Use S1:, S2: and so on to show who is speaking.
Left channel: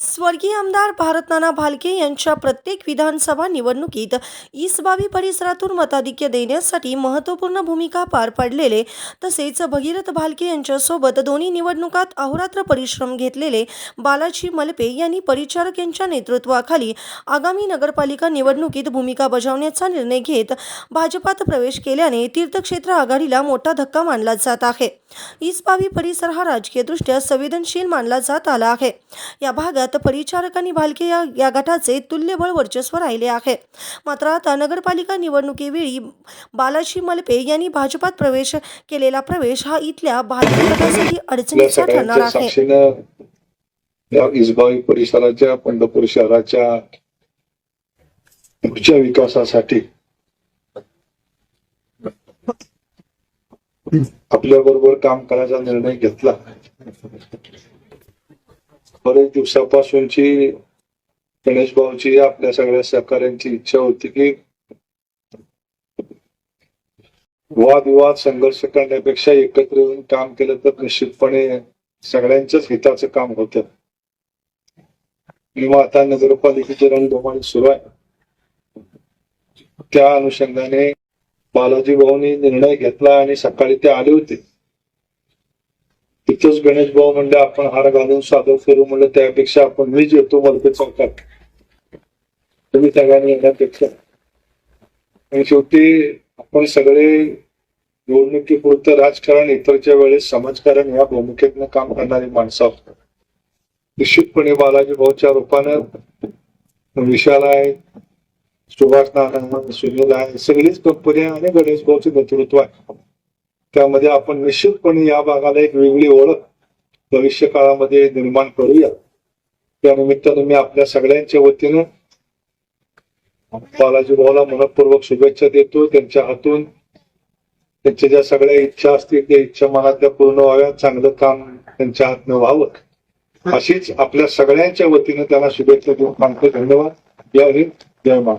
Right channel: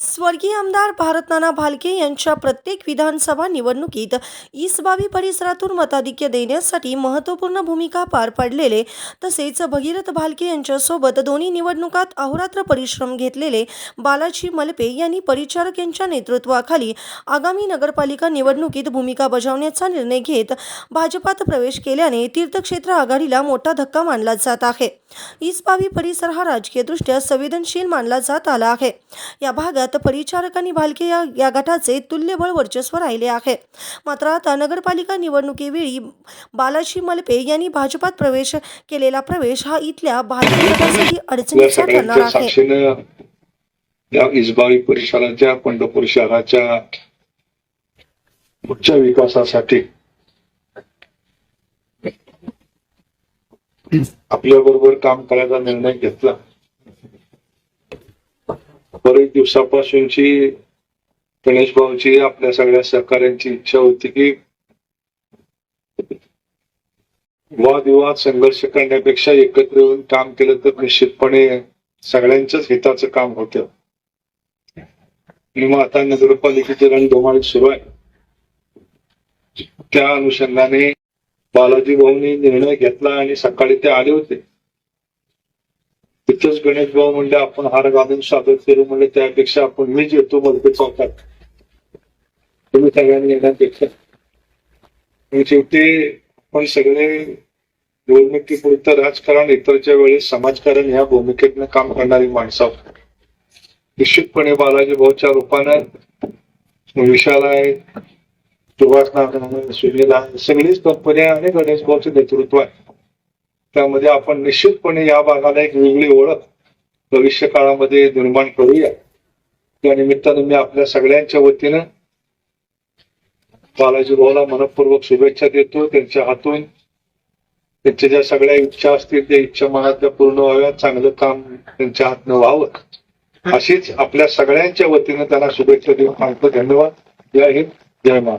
S1: स्वर्गीय आमदार भारतनाना भालके यांच्या प्रत्येक विधानसभा निवडणुकीत इसबावी परिसरातून मताधिक्य देण्यासाठी महत्त्वपूर्ण भूमिका पार पाडलेले तसेच भगीरथ भालके यांच्यासोबत दोन्ही निवडणुकात अहोरात्र परिश्रम घेतलेले बालाजी मलपे यांनी परिचारक यांच्या नेतृत्वाखाली आगामी नगरपालिका निवडणुकीत भूमिका बजावण्याचा निर्णय घेत भाजपात प्रवेश केल्याने तीर्थक्षेत्र आघाडीला मोठा धक्का मानला जात आहे. ईसबावी परिसर हा राजकीयदृष्ट्या संवेदनशील मानला जात आला आहे. या भागात परिचारक आणि भालके या या गटाचे तुल्यबळ वर्चस्व राहिले आहे. मात्र आता नगरपालिका निवडणुकीवेळी बालाजी मलपे यांनी भाजपात प्रवेश केलेला प्रवेश हा इथल्या भालके गटासाठी अडचणीचा ठरणार आहे.
S2: या इसबावी परिसराच्या पंढरपूर शहराच्या पुढच्या विकासासाठी आपल्या बरोबर काम करायचा निर्णय घेतला. बरेच दिवसापासूनची गणेश भाऊची आपल्या सगळ्या सहकाऱ्यांची इच्छा होती की वादविवाद संघर्ष करण्यापेक्षा एकत्र येऊन काम केलं तर निश्चितपणे सगळ्यांच्याच हिताचं काम होतं. आणि मग आता नगरपालिकेचे रणधुमाळी सुरू आहे. त्या अनुषंगाने बालाजी भाऊनी निर्णय घेतला आणि सकाळी ते आले होते. तिथंच गणेश भाऊ म्हणले आपण हार घालून सादर करू. म्हणलं त्यापेक्षा आपण मीच येतो मलपे चौकात. तुम्ही सगळ्यांनी येण्यापेक्षा आणि शेवटी आपण सगळे निवडणुकीपुरतं राजकारण इतरच्या वेळेस समाजकारण या भूमिकेतनं काम करणारी माणसं निश्चितपणे बालाजी भाऊच्या रूपानं विशाल आहे सुभाष नारायण सुनील आहे सगळीच कंपन्या आणि गणेश भाऊचे नेतृत्व आहे. त्यामध्ये आपण निश्चितपणे या भागाला एक वेगळी ओळख भविष्य काळामध्ये निर्माण करूया. त्या निमित्तानं मी आपल्या सगळ्यांच्या वतीनं बालाजी भाऊला मनपूर्वक शुभेच्छा देतो. त्यांच्या हातून त्यांच्या ज्या सगळ्या इच्छा असतील त्या इच्छा मनातल्या पूर्ण व्हाव्यात. चांगलं काम त्यांच्या हातनं व्हावं. अशीच आपल्या सगळ्यांच्या वतीनं त्यांना शुभेच्छा देऊन सांगतो. धन्यवाद. जय हिंद. जय मा